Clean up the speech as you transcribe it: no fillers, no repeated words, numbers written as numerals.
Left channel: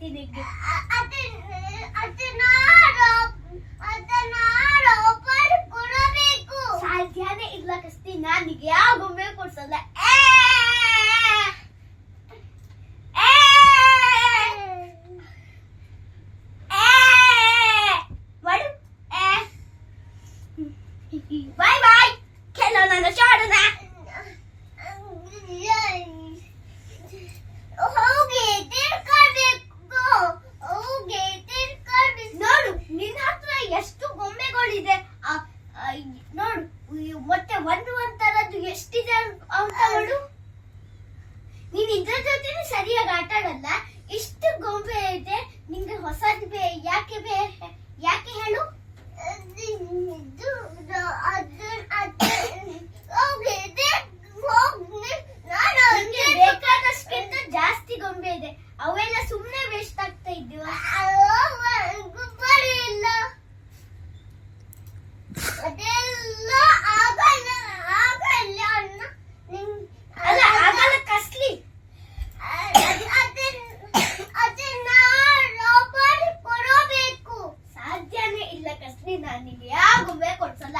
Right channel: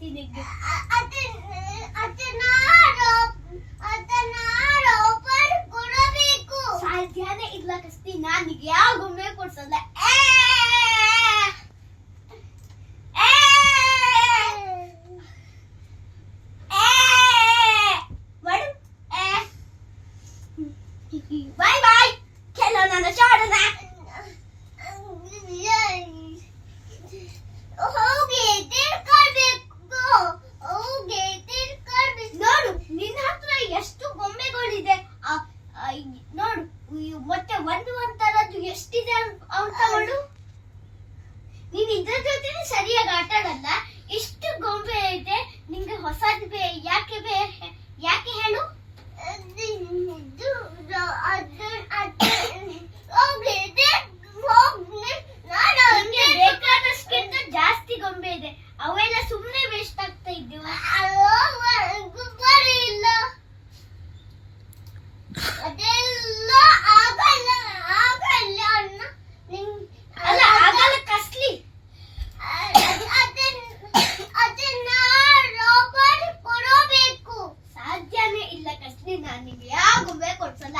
ಕೊಡ್ತೀನಿ ನಿಂಗೆ. ಸಾಧ್ಯನೇ ಇಲ್ಲ ಕಸ್ತಿ, ನಾನು ನಿಂಗೆ ಯಾವ ಗೊಂಬೆ ಕೊಡ್ಸಲ್ಲ. ಬಾಯ್ ಬಾಯ್, ಕೆಲವೊಂದು ಚಾಡೋಣ. ನೋಡು ನಿನ್ನ ಹತ್ರ ಎಷ್ಟು ಗೊಂಬೆಗಳಿದೆ, ನೋಡು ಮತ್ತೆ ಒಂಥರದ್ದು ಎಷ್ಟಿದೆ ಅಂತ ನೋಡು. ನೀನ್ ಇದ್ರ ಜೊತೆ ಸರಿಯಾಗಿ ಆಟ ಆಡಲ್ಲ. ಇಷ್ಟು ಗೊಂಬೆ ಇದೆ, ನಿಂಗೆ ಹೊಸದು ಯಾಕೆ ಹೇಳು? ಬೇಕಾದಷ್ಟಿಂತ ಜಾಸ್ತಿ ಗೊಂಬೆ ಇದೆ, ಅವೆಲ್ಲ ಸುಮ್ನೆ ವೇಸ್ಟ್ ಆಗ್ತಾ ಇದ್ದೀವ. ಇಲ್ಲ ಅದೆಲ್ಲ ಆಗಲ್ಲ ಅಣ್ಣ, ಅಲ್ಲ ಆಗಲ್ಲ ಕಸ್ಲಿ. ಅದನ್ನ ರಾಬರ್ ಕೊಡಬೇಕು. ಸಾಧ್ಯನೇ ಇಲ್ಲ ಕಸ್ಲಿ, ನಾನು ನಿಂಗೆ ಯಾವ ಗೊಂಬೆ ಕೊಡ್ಸಲ್ಲ.